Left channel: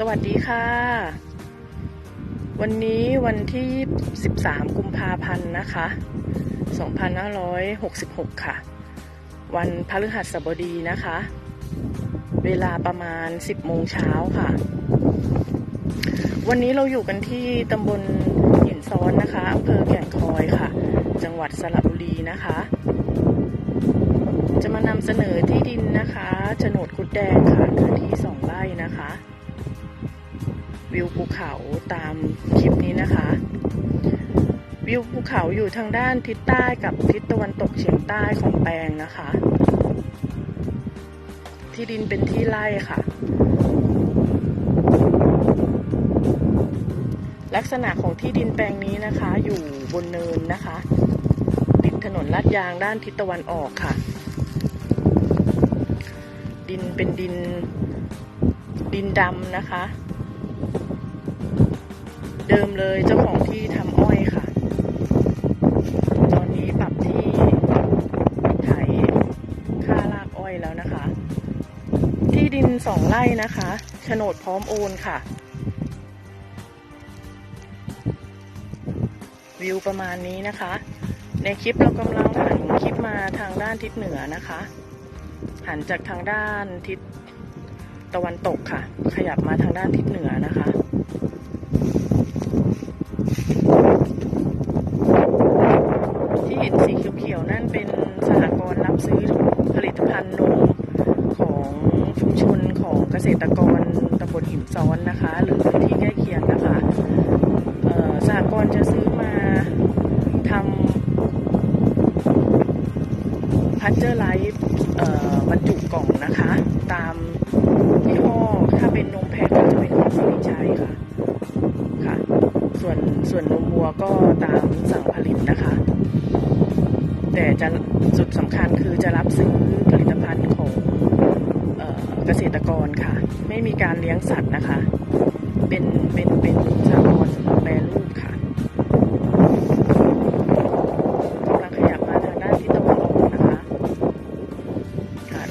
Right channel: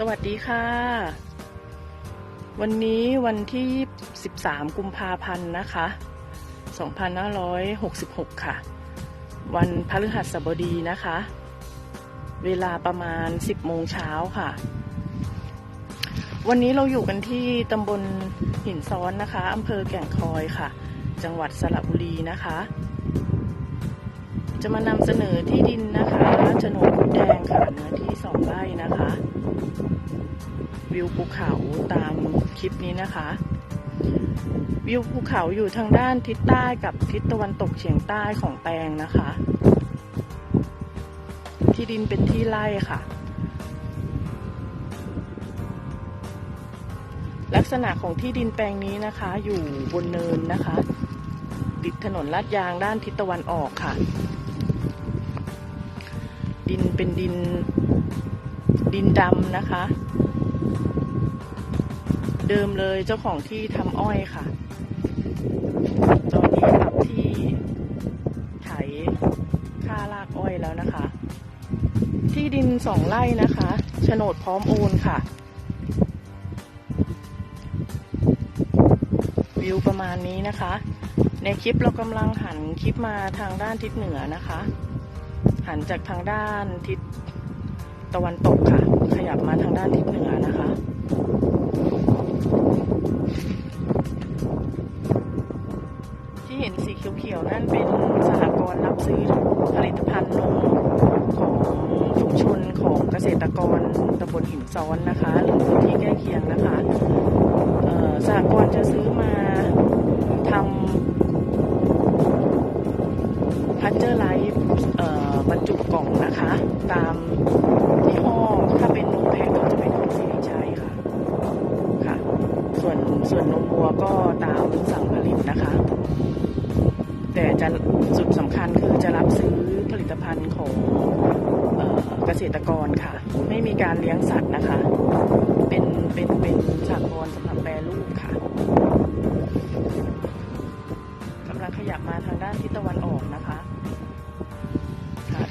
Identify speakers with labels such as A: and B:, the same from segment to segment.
A: สวัสดีค่ะ วันนี้วันที่ 13 กุมภาพันธ์นะคะ 2566 ค่ะ วันพฤหัสบดีนะคะ เวลาประมาณ 10 โมงเช้าค่ะ วันนี้เราอยู่กันที่ตำบลหินซ้อนนะคะอำเภอแก่งคอยค่ะ จังหวัดสระบุรีนะคะ จะมานำเสนอที่ดินนะคะโฉนดกุดแดงค่ะเนื้อที่สองไร่นะคะ วิวภูเขาตามคลิปนี้นะคะ วิวภูเขาอยู่ทางด้านทิศใต้กับทิศตะวันตกเฉียงใต้ของแปลงนะคะ ที่ดินเป็นที่ไร่ค่ะ ลักษณะของที่ดินแปลงนี้นะคะ อยู่บนเนินนะคะ ติดถนนลาดยางด้านทิศตะวันออกค่ะ ดินเป็นดิน ดินดำนะคะ เดิมเลยเจ้าของที่ทำอ้อยค่ะ ตอนนี้ปรับที่ไถค่าลากอ้อยแล้วนะคะ ที่ดินสองไร่นะคะโฉนดพร้อมโอนค่ะ วิวประมาณนี้นะคะ ในคลิปเรากำลังหันคลิปมาทางด้านทิศเหนือนะคะ หันจากทางด้านทิศ ตะวันตกค่ะ ขยับมาทางด้านทิศเหนือนะคะที่เห็นสีเขียวๆนั่นเป็นสหกรณ์รับซื้อผลิตภัณฑ์นมของชุมชนของเกษตรกรตำบลหินซ้อนนะคะ หรือพื้นที่ใกล้เคียงนะคะสหกรณ์จะซื้อมาทำพัชเจอร์ไลท์บรรจุกล่องนะคะ ตาม ยี่ห้อถ้าเป็นนมแพะก็จะเป็นของสิริชัยค่ะ ค่ะ ส่วนส่วนนมวัวก็ตามสั่งผลิตนะคะ แต่จะจุดสำคัญคือจะรับซื้อผลิตภัณฑ์ของเกษตรกรค่ะ ไม่มีการเลี้ยงสัตว์นะคะ เป็นเป็นเป็นสหกรณ์สำหรับแปรรูปค่ะ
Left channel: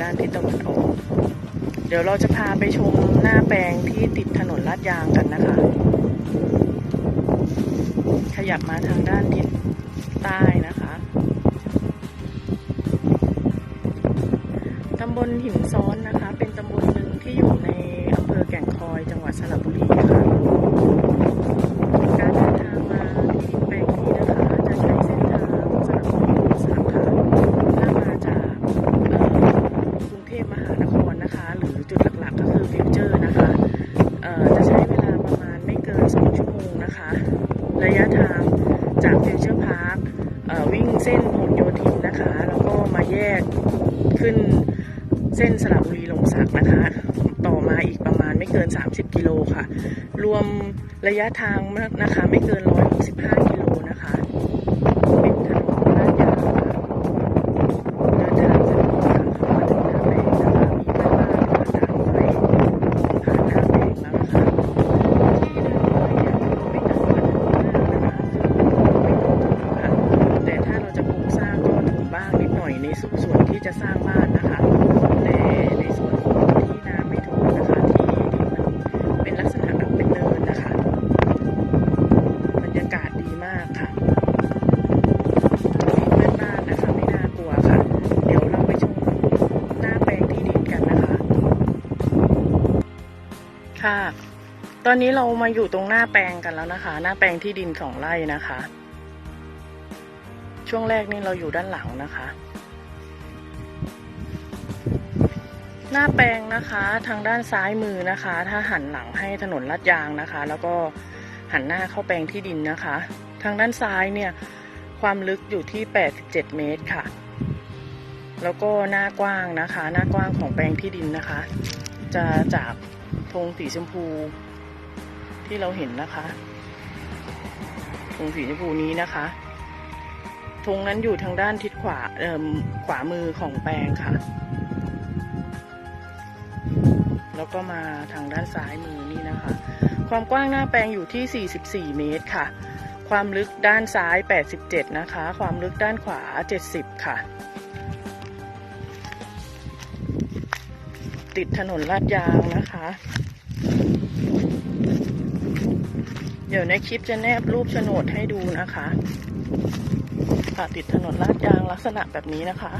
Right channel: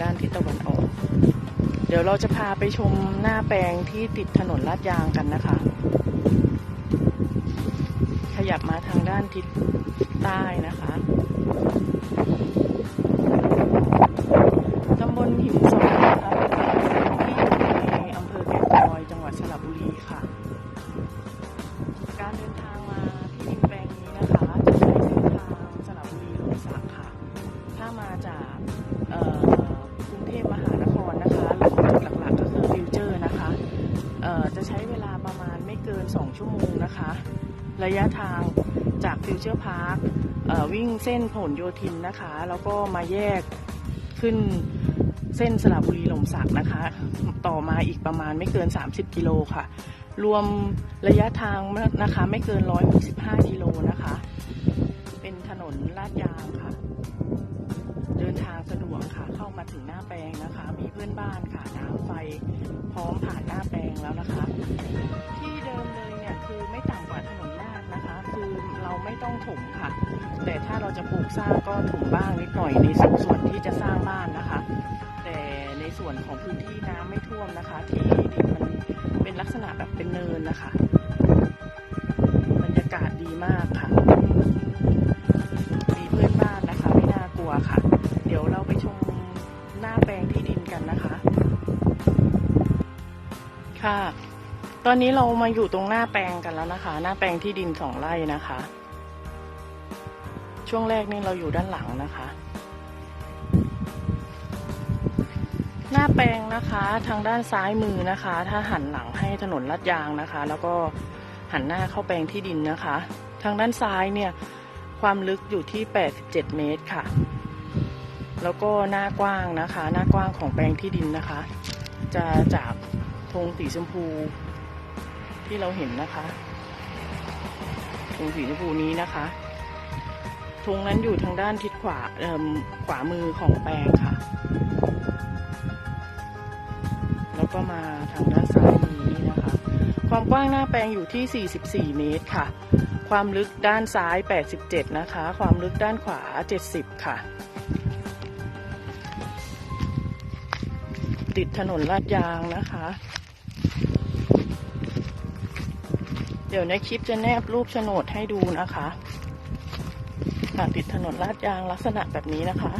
A: ด้านทิศตะวันออก เดี๋ยวเราจะพาไปชมหน้าแปลงที่ติดถนนลาดยางกันนะคะ ขยับมาทางด้านทิศใต้นะคะตำบลหินซ้อง ฟิวเจอร์พาร์ควิ่งเส้นผลโยธินนะคะ แล้วก็มาแยกขึ้นเส้นสระบุรีหลมสักนะคะ ต่อมาอีกประมาณไม่เกิน 30 กิโลค่ะ รวมระยะทางนะคะไม่เกิน 165 กิโลนะคะ เป็นถนนลาดยางค่ะ จะสร้างบ้านนะคะแต่ในส่วนของที่น้ำไม่ท่วมนะคะ ที่ที่มันเป็นลักษณะแบบเป็นเนินนะคะ บรรยากาศดีมากค่ะมีเพื่อนบ้านนะคะ ไม่น่ากลัวค่ะ เดี๋ยวเราไปชมหน้าแปลงที่ดินกันนะคะ ค่ะ ตอนนี้เรามาอยู่ตรงหน้าแปลงกันแล้วนะคะ หน้าแปลงที่ดินสองไร่นะคะ ช่วงแรกนี่เราอยู่ด้านหลังนะคะ หน้าแปลงนะคะทางด้านซ้ายมือนะคะ ถ้าหันหลังให้ถนนลาดยางนะคะ แล้วก็หันหน้าเข้าแปลงที่ดินนะคะ ทางด้านซ้ายเนี่ยความลึกอยู่ที่ 87 เมตรค่ะ แล้วก็หน้ากว้างนะคะ หน้ากว้างของแปลงที่ดินนะคะ จะจากธงสีชมพูที่เราเห็นนะคะธงสีชมพูนี้นะคะธงนั้นอยู่ทางด้านทิศขวาเอ่มขวามือของแปลงค่ะ แล้วก็มาทางด้านซ้ายมือนี่นะคะ ความกว้างหน้าแปลงอยู่ที่ 44 เมตรค่ะ ความลึกด้านซ้าย 87 นะคะ ความลึกด้านขวา 70 ค่ะ ติดถนนลาดยางนะคะ เดี๋ยวในคลิปจะแนบรูปโฉนดให้ดูนะคะค่ะติดถนนลาดยางลักษณะแบบนี้นะคะ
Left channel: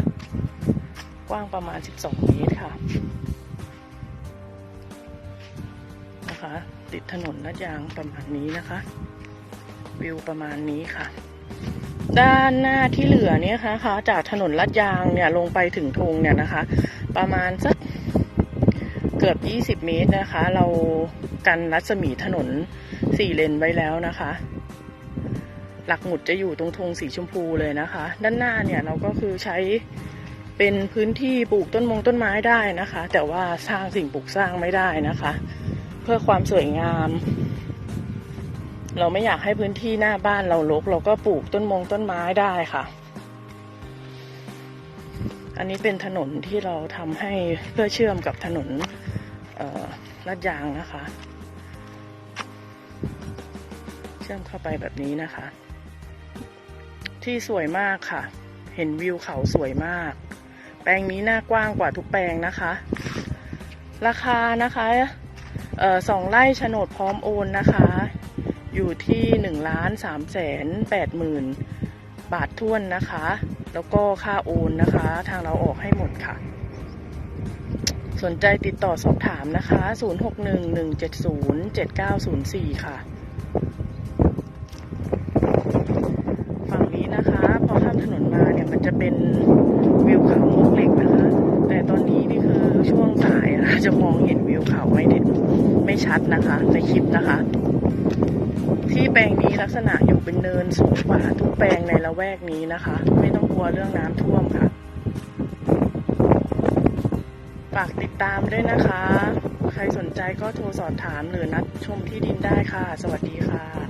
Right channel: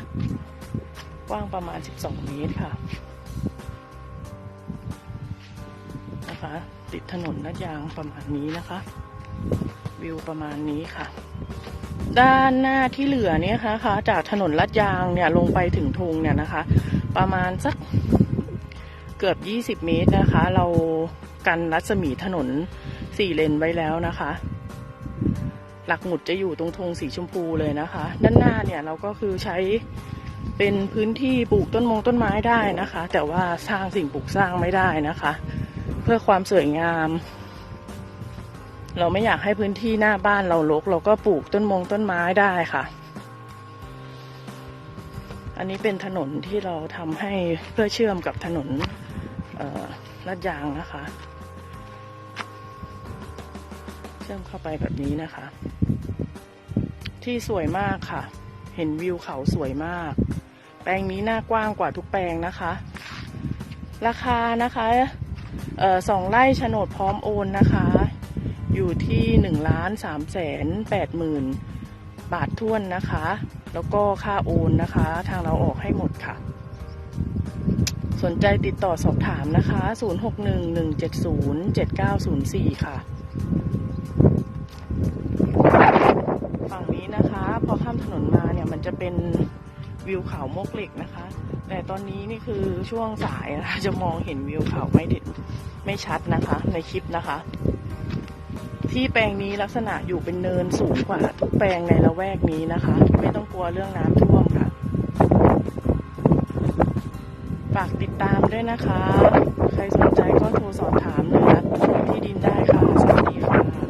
A: กว้างประมาณ 12 เมตรค่ะ นะคะ ติดถนนลาดยางประมาณนี้นะคะ วิวประมาณนี้ค่ะ ด้านหน้าที่เหลือเนี่ยค่ะคะจากถนนลาดยางเนี่ยลงไปถึงธงเนี่ยนะคะ ประมาณสักเกือบ 20 เมตรนะคะ เรากันรัศมีถนน4เลนไว้แล้วนะคะ หลักหมุดจะอยู่ตรงธงสีชมพูเลยนะคะ ด้านหน้าเนี่ยเราก็คือใช้เป็นพื้นที่ปลูกต้นมงต้นไม้ได้นะคะ แต่ว่าสร้างสิ่งปลูกสร้างไม่ได้นะคะ พื่อความสวยงาม เราไม่อยากให้พื้นที่หน้าบ้านเรารกเราก็ปลูกต้นมงต้นไม้ได้ค่ะ อันนี้เป็นถนนที่เราทำให้เพื่อเชื่อมกับถนนลาดยางนะคะ เชื่อมเข้าไปแบบนี้นะคะ ที่สวยมากค่ะ เห็นวิวเขาสวยมาก แปลงนี้หน้ากว้างกว่าทุกแปลงนะคะ ราคานะคะ สองไร่โฉนดพร้อมโอนนะคะ อยู่ที่หนึ่งล้านสามแสนแปดหมื่นบาทท้วนนะคะ แล้วก็ค่าโอนนะคะ ทางเราออกให้หมดค่ะ สนใจติดต่อสอบถามนะคะ 0611707904 ค่ะ ฝั่งนี้นะคะ พอข้ามถนนมาเนี่ยมันจะเป็นวิวเขามกเหล็กนะคะ แต่ตอนนี้นี่คือ ช่วงสายนะคะจะมองเห็นวิวเขาไม่เด็ดไม่ชัดนะคะ ในคลิปนะคะ ที่แปลงนี้ลักษณะอยู่เป็นเนินสูงกว่าทุกแปลงในละแวกนี้นะคะ ไม่ต้องกลัวเรื่องน้ำท่วมค่ะ ฝากติดตามด้วยนะคะ ใครสนใจก็โทรสอบถามหรือนัดชมที่ดินได้ค่ะ